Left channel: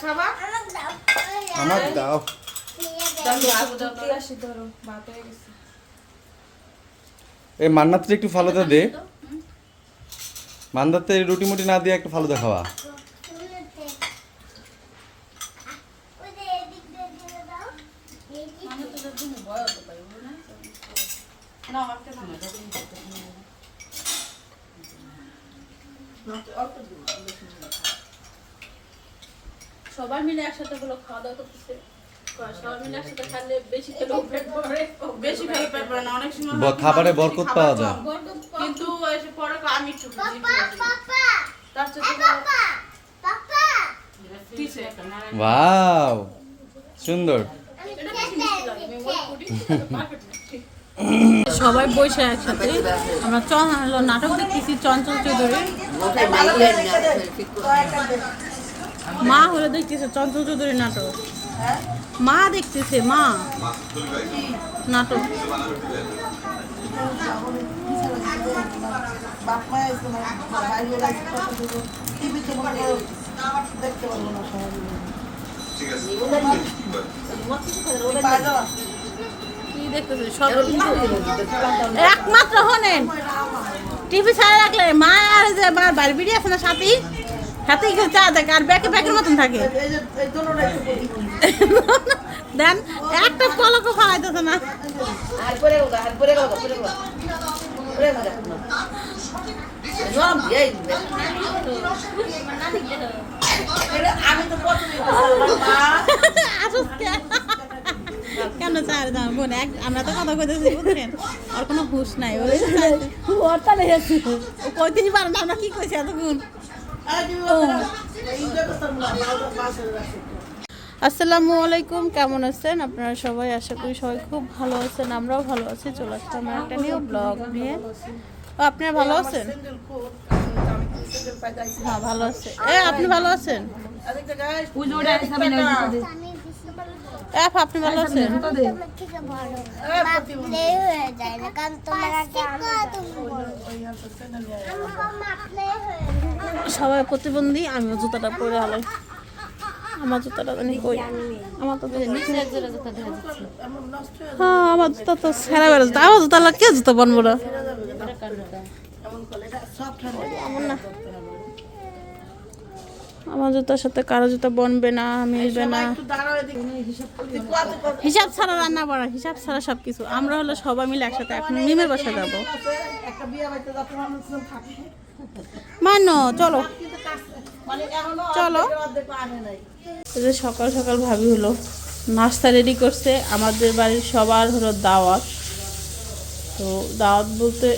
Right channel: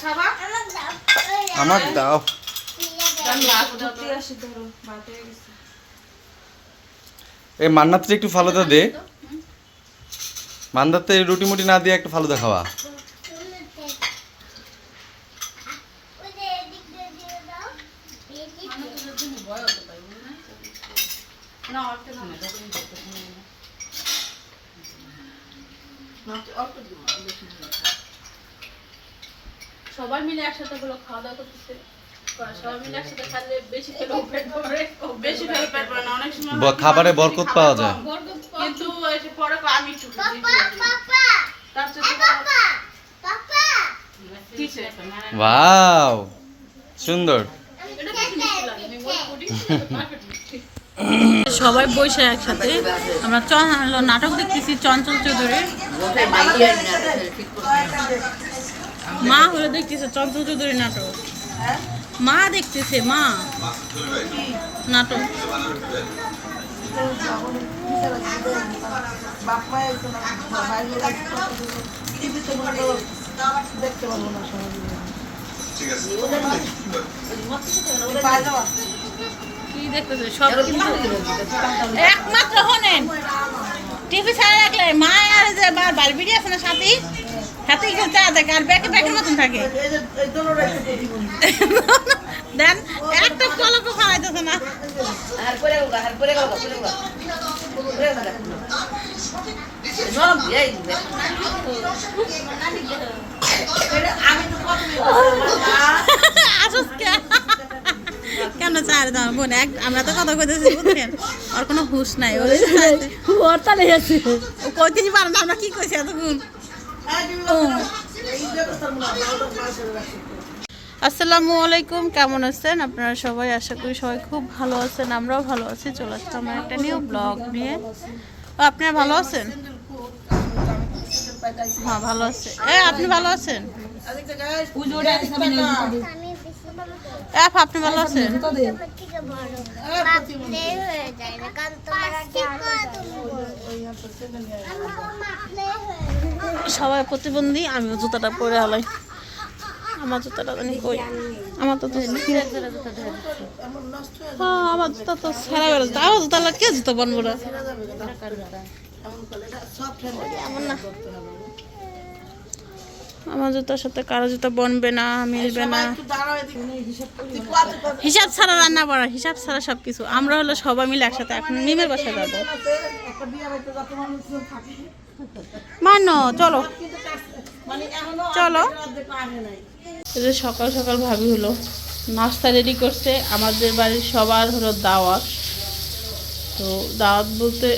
খাবা? আমার দাও। এই মান্নাতে একটু ফালুদা দে। মান্দাতে রুটি মুটি না দিয়ে একটু ফালুদা খাওয়া। না একটা খাও না, তখন করতে হবে না। অল্প দিব বেশি দিব না। সবাই মিলে একসাথে হলো খাওয়া দাওয়া করতেছে। সবাই মিলে একসাথে খালে বেশি খেলেও পেট ভরে। বেশি খেলে পেট ভরে না, অনেক সময় ব- খাবারে বরকত পাওয়া যায়। কিন্তু আমি? ওয়াও! সুন্দর। সবাই বসে একসাথে। আমরা চন নাটক দেখতেছি চঞ্চল চৌধুরী। মা হলো দেখতেছে চঞ্চল চৌধুরী নাটক। মা দেখতেছে মা। নাটক। কি দেখতেছে? সব কিন্তু একমাত্র হনেন টিভি ছাড়া রাখলে মা আর যে বা বালবিড়ি আছে না সাথী সাথী চা দেখে আর ব্যাকে ব্যাকের মতন থাকে। দেন একটা পলকও খাওয়াইতেছে না আমি তো কেন চার দাম বোন এক আমরা তো কথা কইতেছি বুঝছেন? আর কোনো হুশ নাই ওর তালে আছে ও কইতেই পারে না আমরা কি কইছি এতক্ষণ? আসসালামু আলাইকুম কেমন আছেন? আপনারা সবাই আশা করি সবাই খুব ভালো আছেন আমরাও ভালো আছি। চলে আসলাম আমার একটা নিউ ব্লগ নিয়ে। ও, আপনারা ভালো আছেন? হ্যাঁ ভালো আছে। এ আপনি ভালো আছেন? আপা, আপনি ভালো আছেন? সবাই প্রতিবন্ধী আমিও জুতাটা পরে আলাই। আমার জুতাটা জানি কই? আমার তো হয়ে আমার জুতা তো সেরা বেরো আমার জুতা লাগে কে জুতা বানবো না। এমন না। আমার জুতার সাথে কারও জুতা বনবে না মিলবে না। একটু দাঁড়াও এদিকে। হিসাব ছাড়া রান্না করা হিসাব ছাড়া সব কিছু আমরা হলো সবাই মিলে একসাথে এখন মিমের বাসায় যাব। মানো চলো। মানে চলো। সকাল সকাল ভাবি হলো নাস্তা রেডি করছে। আমাদের বাড়ির সবার হলো দাওয়াত। তো দাওয়াত বলতে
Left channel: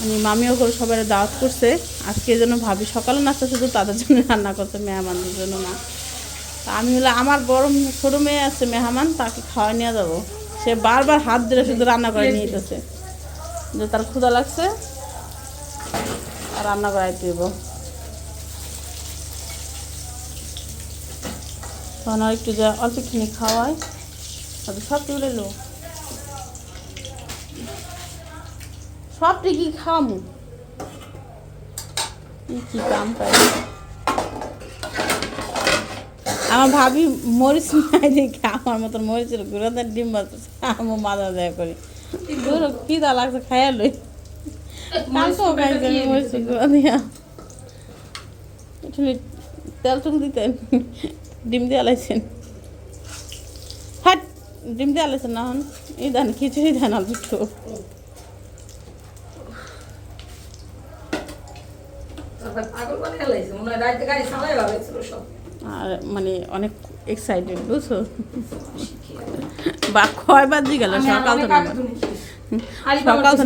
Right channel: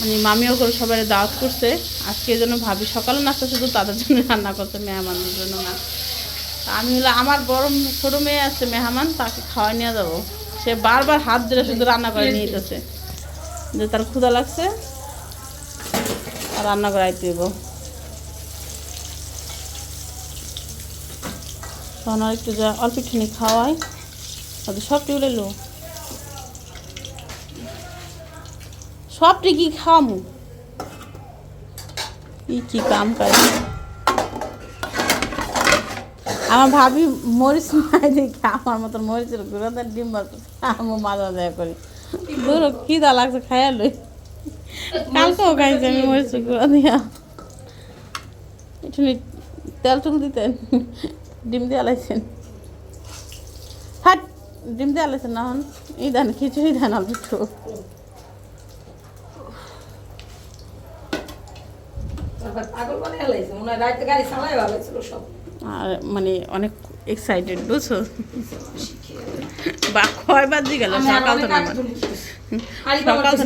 মানে মামিও করে সবাই দাওয়াত করছে। আজকে জন্য ভাবি সকালে নাস্তা শুধু তাদের জন্য রান্না করছে মেহমানদের জন্য না। আমি হলে আমার বড় ছোট মেয়ে আছে মেহমান তাকে খাওয়া নিয়ে যাব। সে বারবার হাত ধরে শুধু রান্না করে নিয়ে যেতেছে যে তার ক্ষুধা লাগছে আর রান্না করাইতে দেবো। তখন আর একটু যা অল্প খাওয়াই সব টিউলে লো সবটি কি খামু কি কি কাম করে? আমার ভাবি মরিচ মাই আমার মতন মরিচের গুঁড়োদের ডিম আমি মাজা দেয়া করি। গুঁড়ো কি দা লাগছে, খাইয়া লই। কালকেও খাইছি আমি মরিচের গুঁড়ো দিয়া। একটু তেল দিতেন? ডিম দিয়ে আলাইছেন হাট, ডিম দিয়ে আলাইছেন না হন দেন, খিচুড়ি দেন অল্প পাগল বানিয়ে ফেলাইছে মনে হয় রাইতে গাড়ি সামলাই ভাবেছিল সব আর মানে অনেক এক্সাইটেড বুঝছ? বা কয়বার দিয়ে গেল? সকাল তো আমার সকাল তো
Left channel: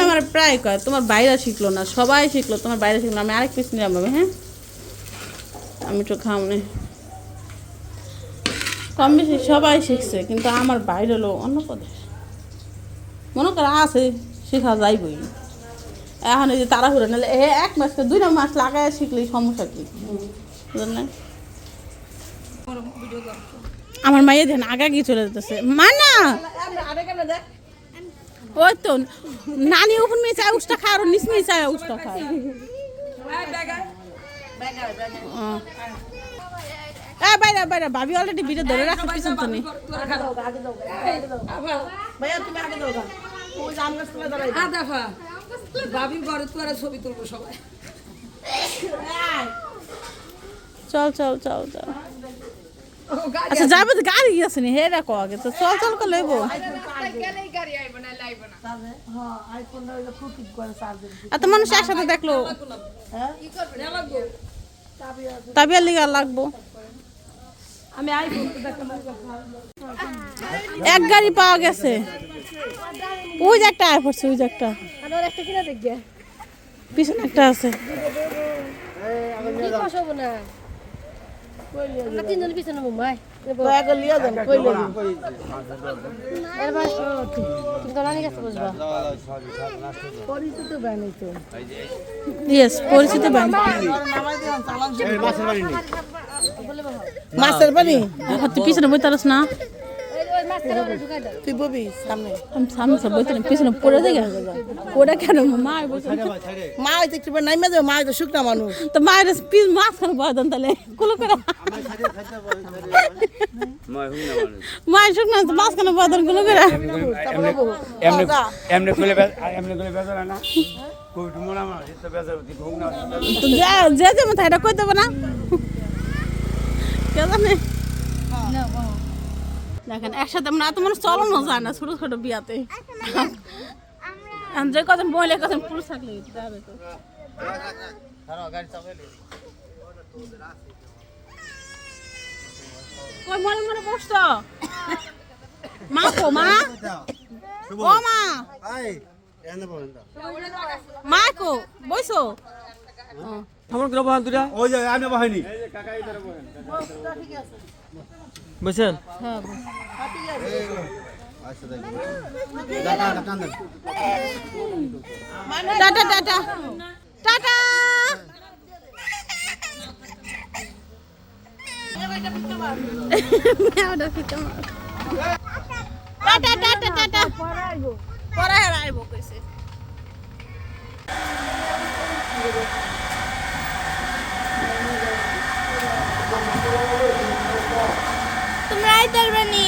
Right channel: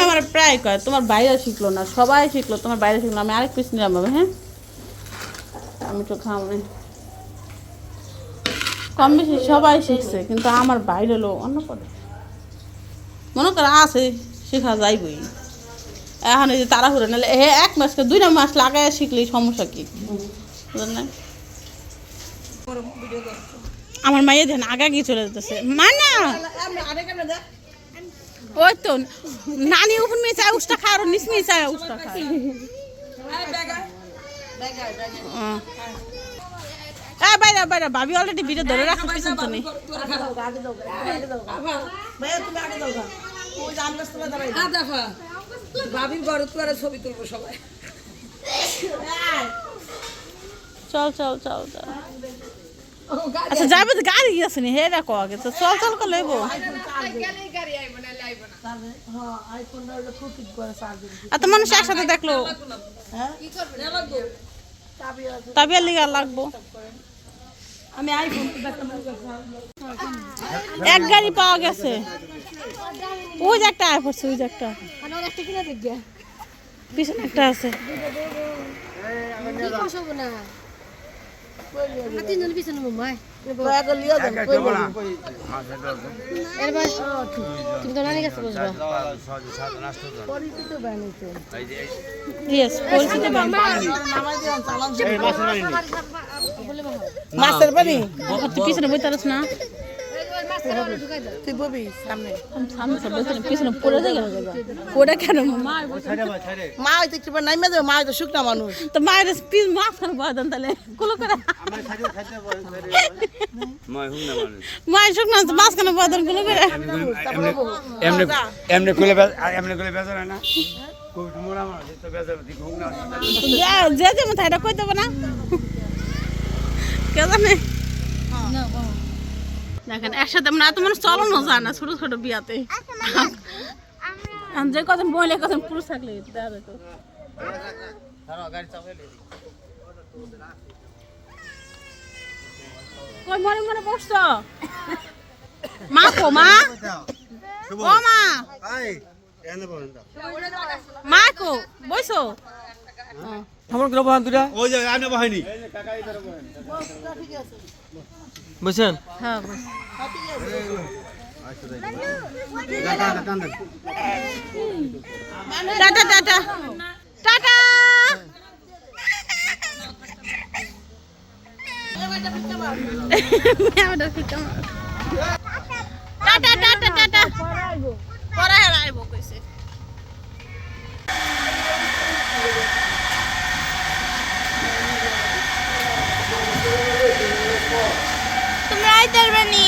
আমার প্রায় কয় তোমার বাইরে শিখলো না সবাই শিখলো তোমার বাইরে শিখলো আমি আরেক পিস নিলাম বাবা হ্যাঁ? আমি একটু খাওয়ামি কম বেশি সবাই শিখছে কিন্তু আমার বাইরে হলো অন্য পদে মনে করো আছে শেখা যাইবই। এখন এই যে তাড়াহুড়ো নাহলে এ এক মাসকে দুই মাস লাগায় শিখলেই সমস্যা কি? আমার মাইয়া যেন আগে গিয়ে চলে যেতেছে। মা না! ওই তো নানি উপর মেয়ে চায় উষ্টা খায় আর নিচ মেয়ে চায় উষ্টা খায়। এই বাইরে বাইরে ভাবি অলরেডি ভিডিও ধরে রাখো পিছন তো নেই। ভাইয়া তুমি আগে যাও করে ছবি তুলবো সবাই। চল চল চল চল। আচ্ছা যাবে তো গাড়ি আছে নি হে দেখো আগে তো। চল চল করে লইবো। দিবি এত মানুষ একসাথে দেখল। হ্যাঁ? তাবিয়ার লিগা লাগবো। আমি এক গাড়ি পাওয়া গেছে। ওই যে একটা আর পড়ছে ওই যে একটা। আমার একটা কিনা দেখবে পিছনে একটা আছে তিনজন পিছনে মুম্বাই পরিচিত ব্যাংক মাছের বাড়ি তুই পিছনে বইতে পারস না? তুই ববি সামনে। আমি সামনে বইতে না, পিছনে পড়ে দেখে পড়ে কেন? মা মা হয়তো একটু নাই মেয়ে মা হয়তো শুকনা মানুষ। তো মায়ের পিস মাছ খানে বয় দেন তাহলে। কুলো করে। মায়ের শুকনো মাছ খানে বয় কুলো করে? এমনি এমনি খুলে এমনি খুলে বেচা না। যা- যে যে মতো এটা কই দেবো না? কে জানে? দেখেন একসাথে আমরা এত মানুষ চলানো যায় না ছোট ছোট বিয়াতে। যে কজন বইলে কজন পুরুষ থাকলে দেখা যেত কই মনে মনে বসছো? মা কো মা? ও মা। মা কো বইছো খবরগুলো বহান দুটা ওই যে আমি বহাইনি। বুঝছেন হ্যাঁ টাটা টাটা টাটা। মেয়েটা ফিকা মার। Tata tata tata. পরে হেরাইব কইছে। তুমি আইতে পারবে নি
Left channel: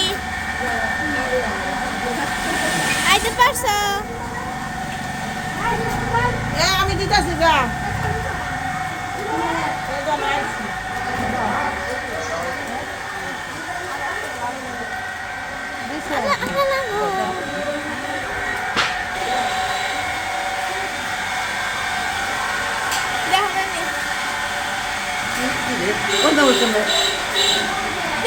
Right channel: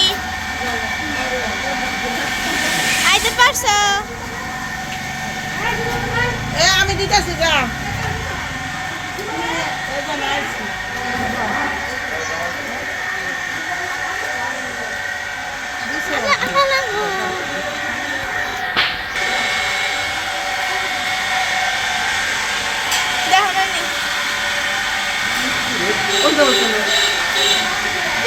আইতে পারছ এ আমি দিতেছি যা দেখো না।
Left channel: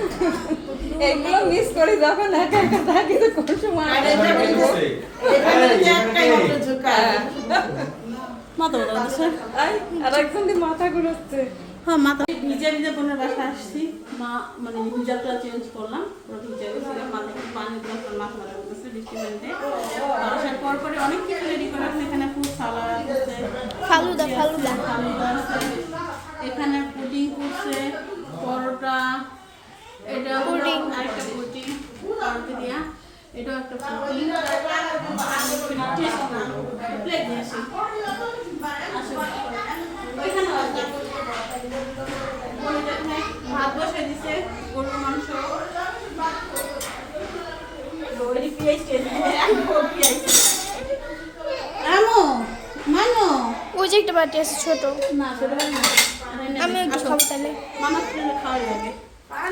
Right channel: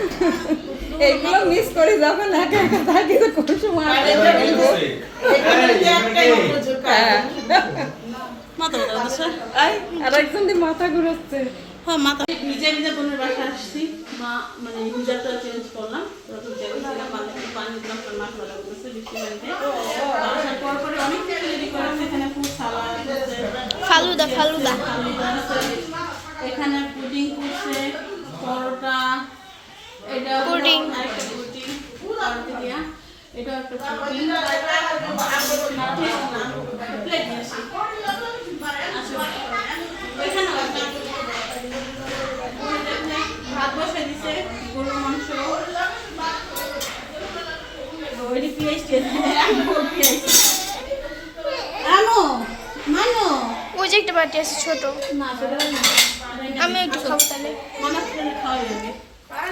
এইগুলো মিস করে যাবেন একা একা থাকি তো কোন সময়? আর এখানে যে- এখানে যে একটাই মাত্র ঝোঁকা। মাথা ব্যথা করতেছে। আর একজন দিয়ে মাথা ঘুরাচ্ছে। হ্যাঁ মাথা। নিজে নিজে বোনের বাসা আসছি। মা মানে হিজাবটা চেঞ্জ করলাম। পুরো ভিজে গেছিলাম একটু পানি দিলাম কারণ মাথা ব্যথা করতেছে বৃষ্টি পানিতে আসার পর পরে অনেক কিছু রেডি করে আছে। এখানে খুব সালাদ আছে। ফালুদা ফালুদা। ফালুদা আছে। এখানে পুডিং করছে পরোটা পুডিং। এটাও একটা পুডিং ভাত বসে দিছে গরুর মাংস মানো। ওই যে একটা বাটি আছে ছোট। আমি একটু খাব তাহলে। মামা খাওয়াই লাগে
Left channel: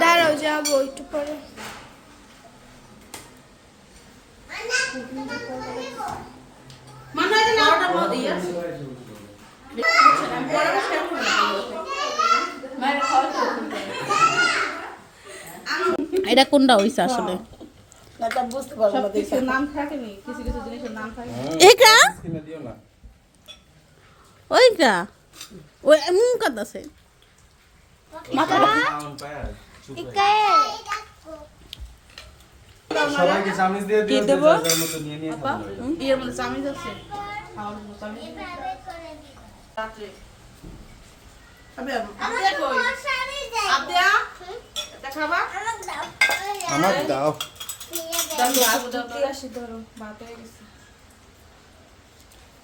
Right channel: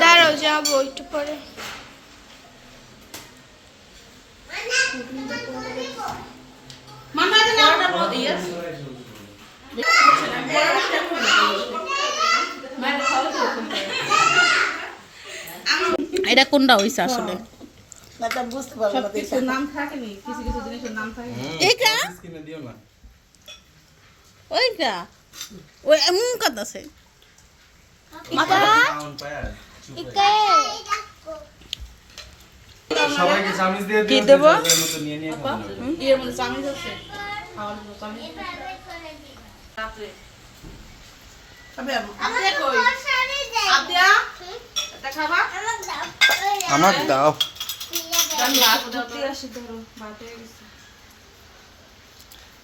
দাঁড়াও যাব একটু পরে। এটা কোনটা হইছে আসলে? এটা বুঝতে পারব না কিছু নাম থাকে নি কিছু কিছু জিনিসের নাম থাকে এইটা? কিনে দিও না। ওইটা? ওই এমন কাদ আছে। কি দেবো? আমার দাও।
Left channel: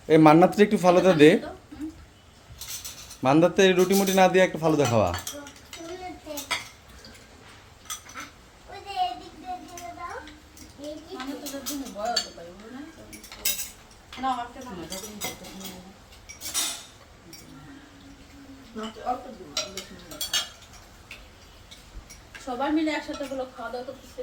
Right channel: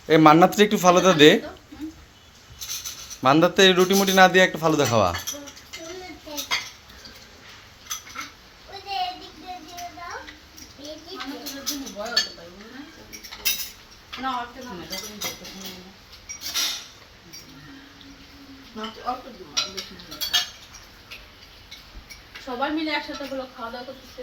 এই মান্নাতে একটু ফালুদা দে। মান্দাতে রুটি মুটি না দিয়ে একটা ফালুদা খাওয়া। সবাই মিলে একসাথে গুলো খাওয়া দাওয়া করতেছে।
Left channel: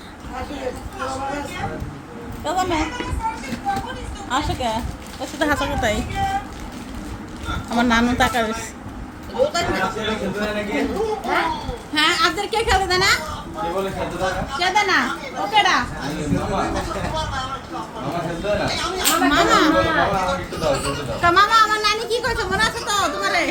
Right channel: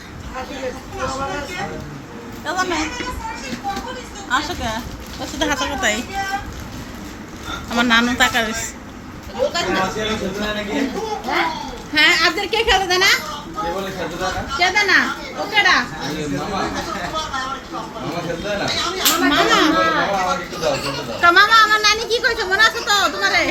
আসো কে? তোর সাথে হাসা কোথায়? আমার নানু টাকা হ্যাঁ আজকের কে খেলতে দেয় না? কে দেয় মামা। তো মামা, আমার নানি কি কইছো মনে আছে তো তোমারে?